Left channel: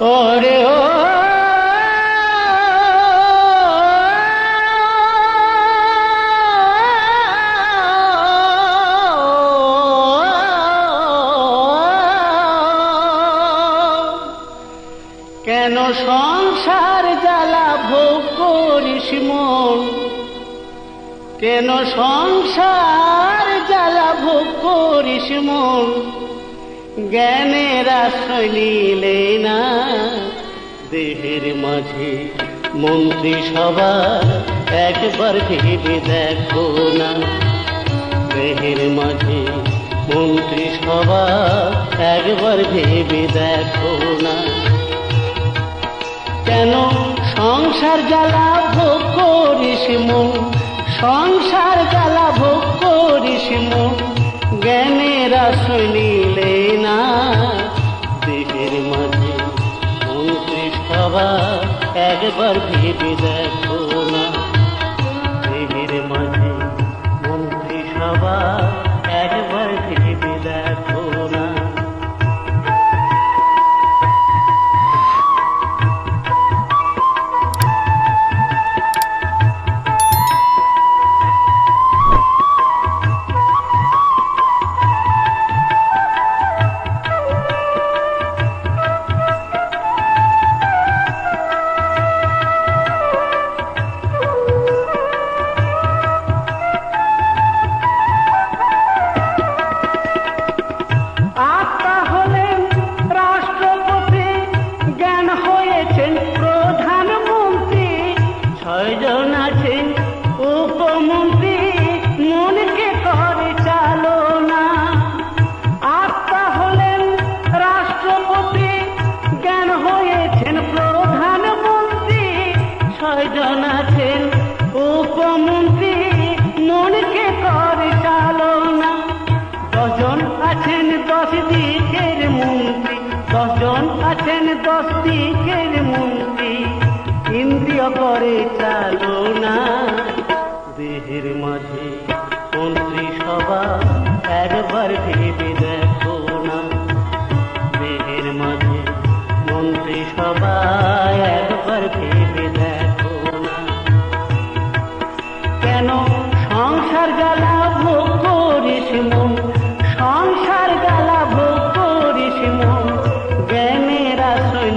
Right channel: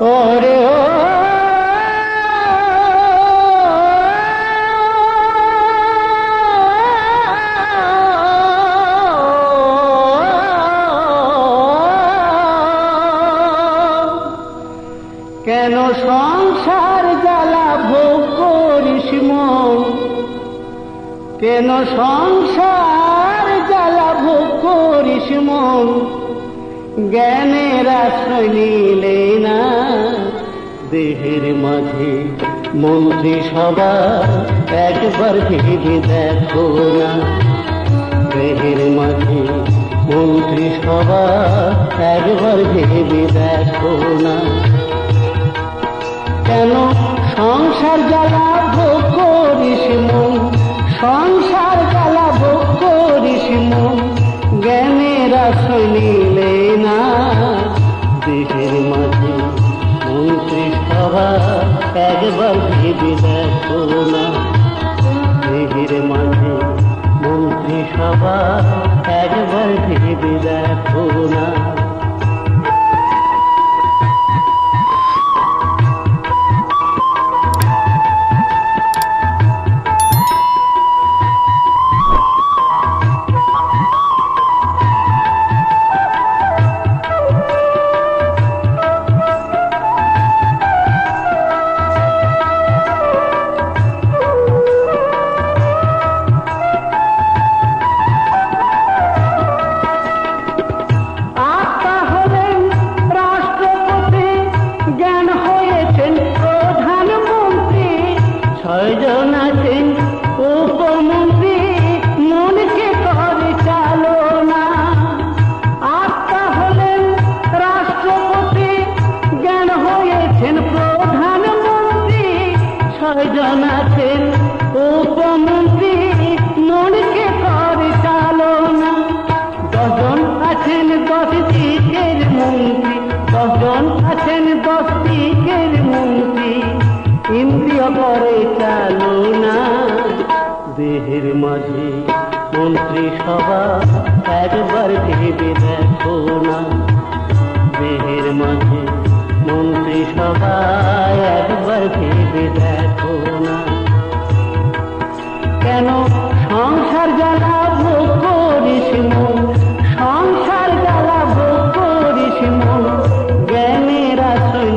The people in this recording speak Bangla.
ওরে ও কেন সংসার জ্বালা ভোগ করিস মন, কেন সংসার জ্বালা ভোগ করিস মন, জ্ঞানের আশ্রয় নিলে না দেহের মাঝে মন্ত্রিসভা একবার ভেবে দেখো না, দেহের মাঝে মন্ত্রিসভা একবার ভেবে দেখো না। কেন সংসার জ্বালা ভোগ করিস মন, সংসার জ্বালা ভোগ করিস মন, জ্ঞানের আশ্রয় নিলে না দেহের মাঝে মন্ত্রিসভা একবার ভেবে দেখো না, দেহের মাঝে মন্ত্রিসভা একবার ভেবে দেখো না। দেহের মাঝে মন্ত্রিসভা একবার ভেবে দেখো না, দেহের মাঝে মন্ত্রিসভা একবার ভেবে দেখো না। কেন সংসার জ্বালা ভোগ করিস মন, সংসার জ্বালা ভোগ করিস মন, জ্ঞানের আশ্রয়